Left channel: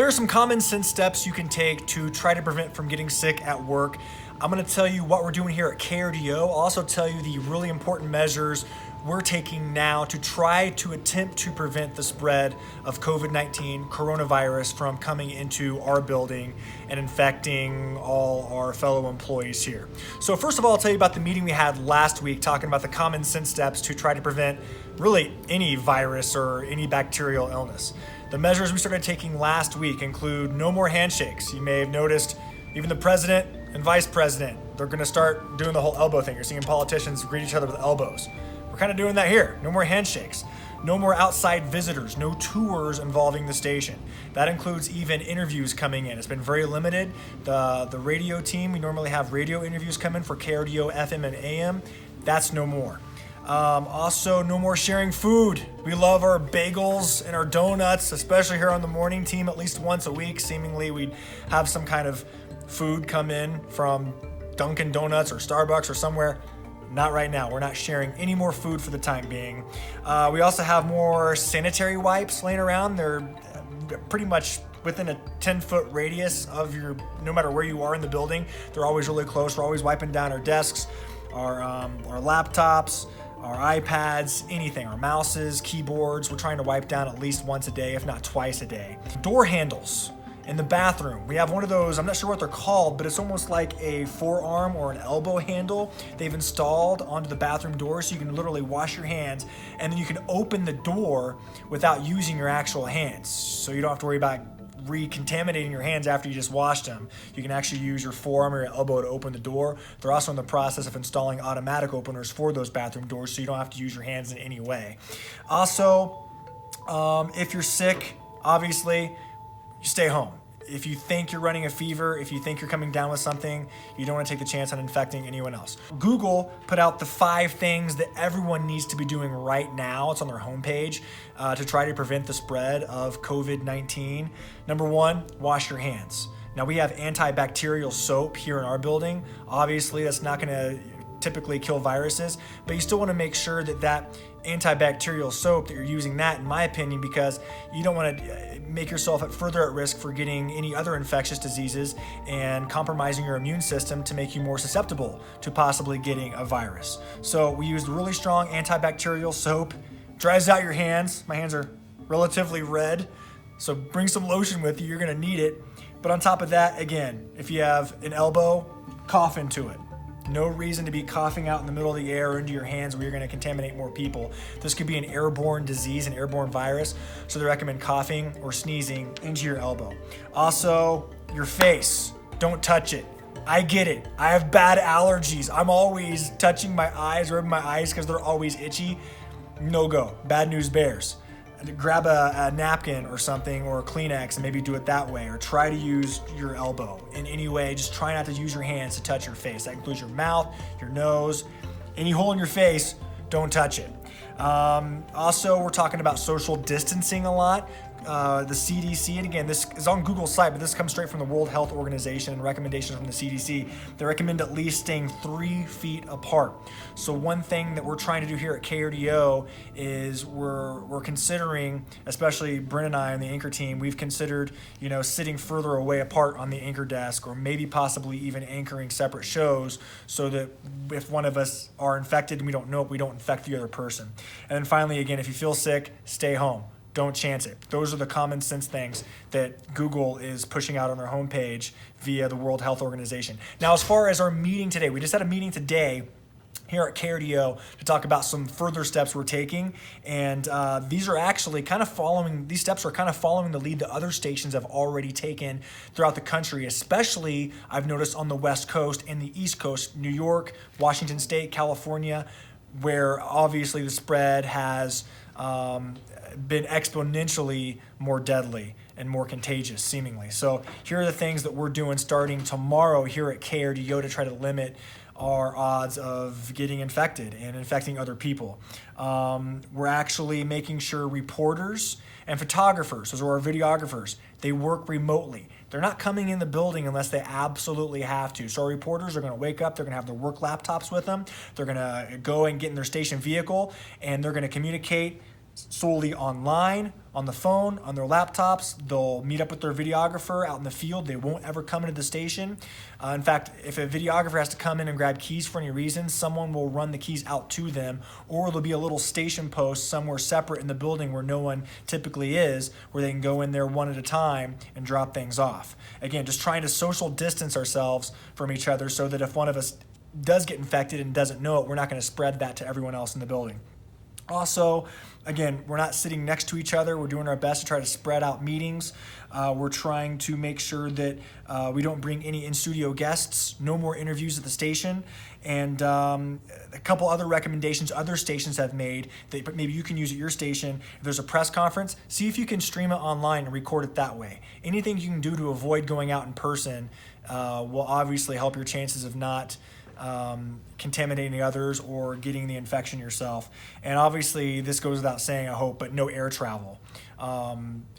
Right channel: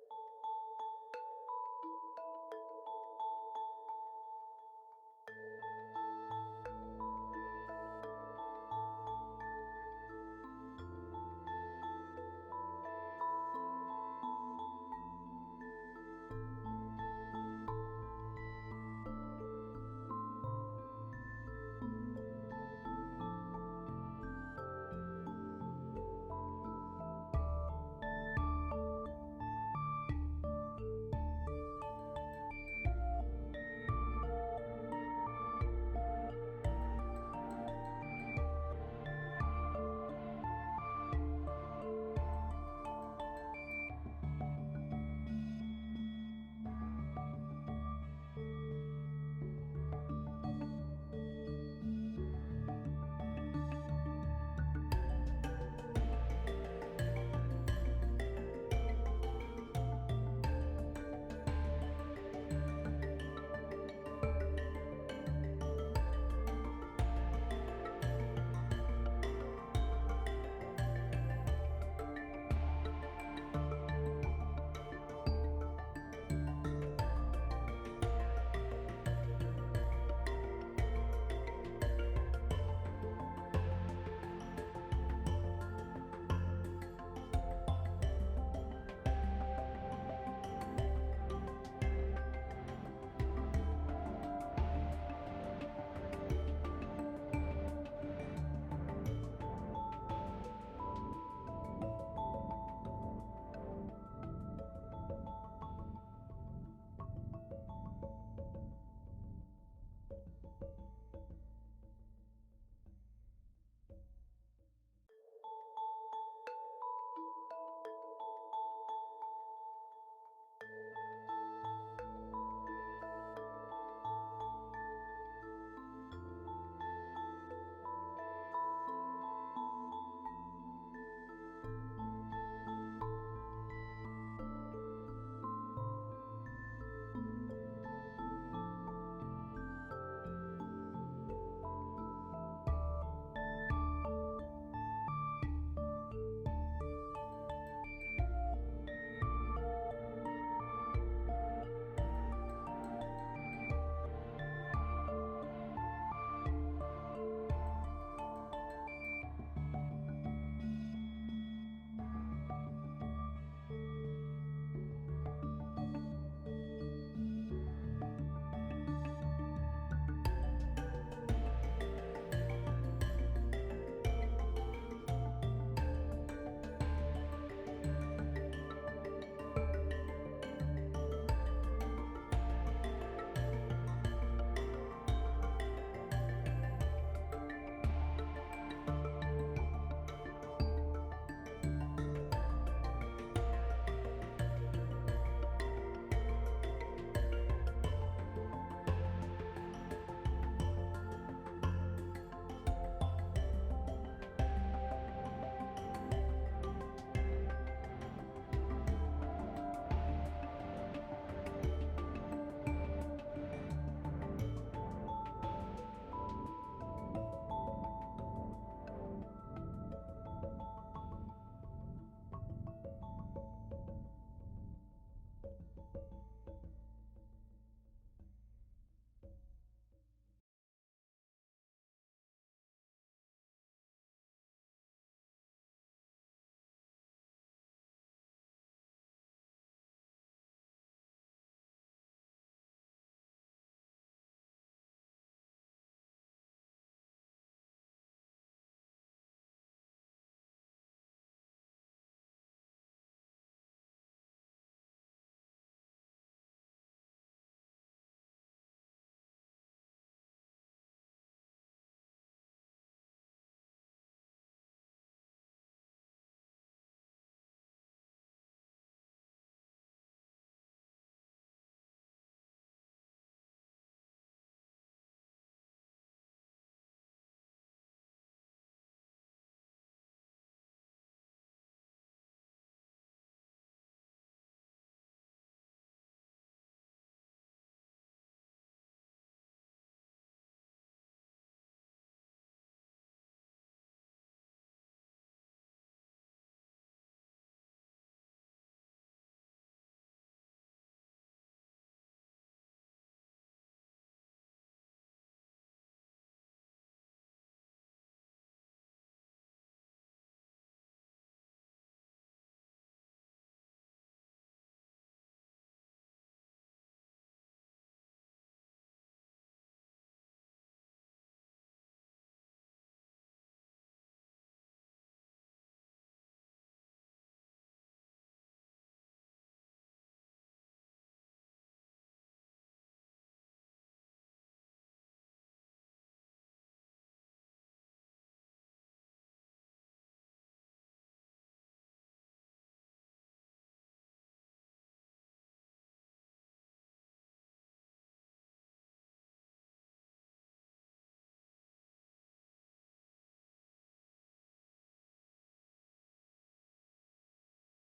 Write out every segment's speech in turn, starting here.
There are some common sense steps you can take to try to prevent from getting sick at work. I'm going to tell you what we're doing here at KRDO. I'll also tell you the really important measures we're taking now to try to attempt to prevent the spread of COVID-19 coronavirus from coming into our building and infecting all our fellow employees here. So first of all, I'll tell you about the meeting we had last week talking about the common sense steps to try to prevent really any virus or any bacterial illness. The measures we started taking last week include no more handshakes. You may have noticed even the president and vice president, they're gonna start doing the whole elbow thing. You're seeing politicians greet each other with elbows. We're kind of doing that here. No more handshakes. No more outside visitors. No tours involving the station. That includes even interviews coming in. It's been very limited. The radio team, we normally have radio interviews come in for KRDO, FM, and AM. That's no more. Also, no more sharing food. We love our bagels and our donuts, especially here on the morning team. At least once a week, seemingly, we'd have some kind of food come in from Dunkin' Donuts or Starbucks or somewhere. Not right now. We're not sharing any more food for the time being. We also have more sanitary wipes laying around. They're pretty much within a 10-foot radius of your, no matter where you are in the building. They're always really close. We're always wiping down our desks, our laptops, our iPads, anything, our mouses, keyboards. We're trying to wipe down at least once a day, if not twice a day. Door handles in the bathroom. We have one of those, I'm not sure what they're called, but it's almost like a forearm or an elbow handle they've installed onto the bathroom door so you can literally wash your hands and then you can open the door without using your actual hands. So you don't have to worry about recontaminating your hands after you just washed them. You can actually use your forearm or your elbow to open the door. They're also in the process of installing automatic openers for those bathroom doors so you don't have to use your hands in any way. Also, if you're sick, obviously, you stay home. If you think you're running a fever, if you think you're coming down with something, you don't want to take the chance on infecting anyone else. Google put out the 5 things that everyone needs to be doing right now. It's on their homepage to try to prevent the spread of COVID-19. Number 1, wash your hands. Now we have antibacterial soap here in our building. Obviously, that's not going to typically kill viruses, but you still want to make sure that that antibacterial soap that you're using that, in my opinion, because you don't want to make yourself further at risk for getting any other infectious diseases and compromising your immune system to make you more susceptible to possibly getting a virus. So we used really strong antibacterial soap, dries out your hands. My hands are relatively red, so bring some lotion with you, you're gonna need it. But on top of that, again, if you have an elbow, cough into it. No reason to be coughing out in the middle of the air or into your hands where you're going to contaminate more people. This could be an airborne disease, an airborne virus, so they recommend coughing or sneezing into your elbow. Also, your face, don't touch it. I get it. I have bad allergies. I'm always touching my eyes, rubbing my eyes because they're always itchy. No go. Bad news bears. Grab a napkin or something or a Kleenex and maybe do it that way, or try to use your elbow in any way. Just try not to use your hands to touch your face. That includes your mouth, your nose, any hole in your face, don't touch it. Also, we're talking about social distancing a lot. The CDC, and again, this is on Google's site, but this comes straight from the World Health Organization and recommendations from the CDC. They recommend at least staying 3 feet apart. So one thing that we're trying to do here at KRDO is we're considering, especially Brent and I on the anchor team, we've considered, sitting further away apart on the anchor desk, or maybe possibly even anchoring separate shows so that if one of us are infected and we don't know it, we don't infect the other person. And then finally, again, if you feel sick, stay home. Don't chance it. Those are the common sense things that Google is pushing out on their homepage via the World Health Organization. Now, as far as our meeting today, we just had a meeting today here at KRDO to talk about some further steps we're taking, and these steps are kind of following the lead that other stations have already taken throughout the country, especially I've noticed on the West Coast and the East Coast, New York, Washington State, California, where obviously the spread has been exponentially more deadly and more contagious, seemingly. So here are the things that we're doing starting tomorrow here at KRDO to try to limit our odds of getting infected and infecting other people. We're actually making sure reporters and photographers, those are our videographers, they work remotely. They're not coming in the building unless they absolutely have to. So our reporters are going to wake up, they're going to have their work laptops with them, they're going to go and get in their station vehicle, and they're going to communicate solely online on the phone, on their laptops. They'll meet up with their videographer out in the field. They won't ever come into the station. In fact, if a videographer has to come in and grab keys for any reason, someone will run the keys out to them, or there'll be a little station post somewhere separate in the building where no one typically is, where they can go in there one at a time and drop things off. Again, just trying to social distance ourselves from each other so that if one of us does get infected and doesn't know it, we're not going to spread that to everyone else in the building. Also, again, we're not sitting next to each other. We're doing our best to try to spread out meetings. We're trying to make sure that we don't bring any in-studio guests, no more interviews at the station, and a couple other recommendations other stations have made that maybe you can use at your station. If there's a press conference, see if you can stream it online and record it that way. Anything you can do to avoid going out in person will obviously help your chances of not contaminating others or getting the infection yourself. And obviously, this goes without saying, I hope, but no air travel.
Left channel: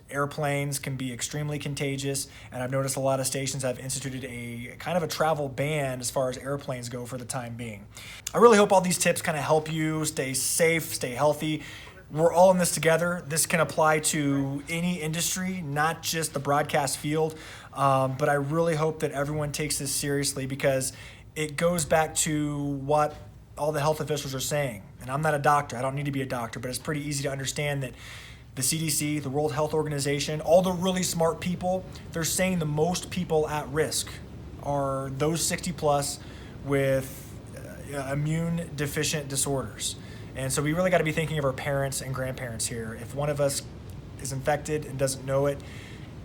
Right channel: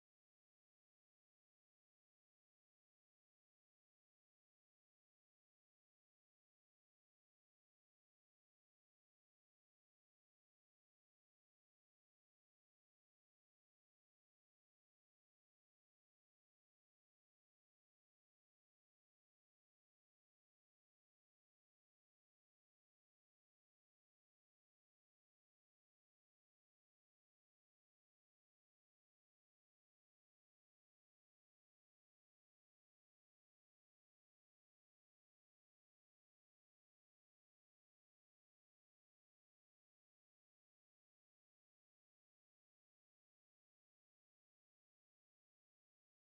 Airplanes can be extremely contagious, and I've noticed a lot of stations have instituted a kind of a travel ban as far as airplanes go for the time being. I really hope all these tips kind of help you stay safe, stay healthy. We're all in this together. This can apply to any industry, not just the broadcast field, but I really hope that everyone takes this seriously, because it goes back to what all the health officials are saying. And I'm not a doctor, I don't need to be a doctor, but it's pretty easy to understand that the CDC, the World Health Organization, all the really smart people, they're saying the most people at risk are those 60 plus with immune deficient disorders. And so we really got to be thinking of our parents and grandparents here. If one of us is infected and doesn't know it,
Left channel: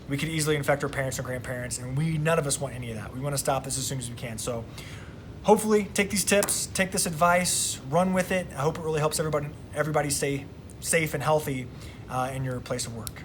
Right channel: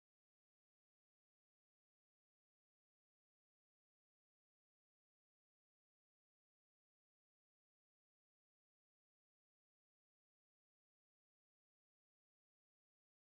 we could easily infect our parents and grandparents, and none of us want any of that. We want to stop this as soon as we can. So hopefully take these tips, take this advice, run with it. I hope it really helps everybody stay safe and healthy in your place of work.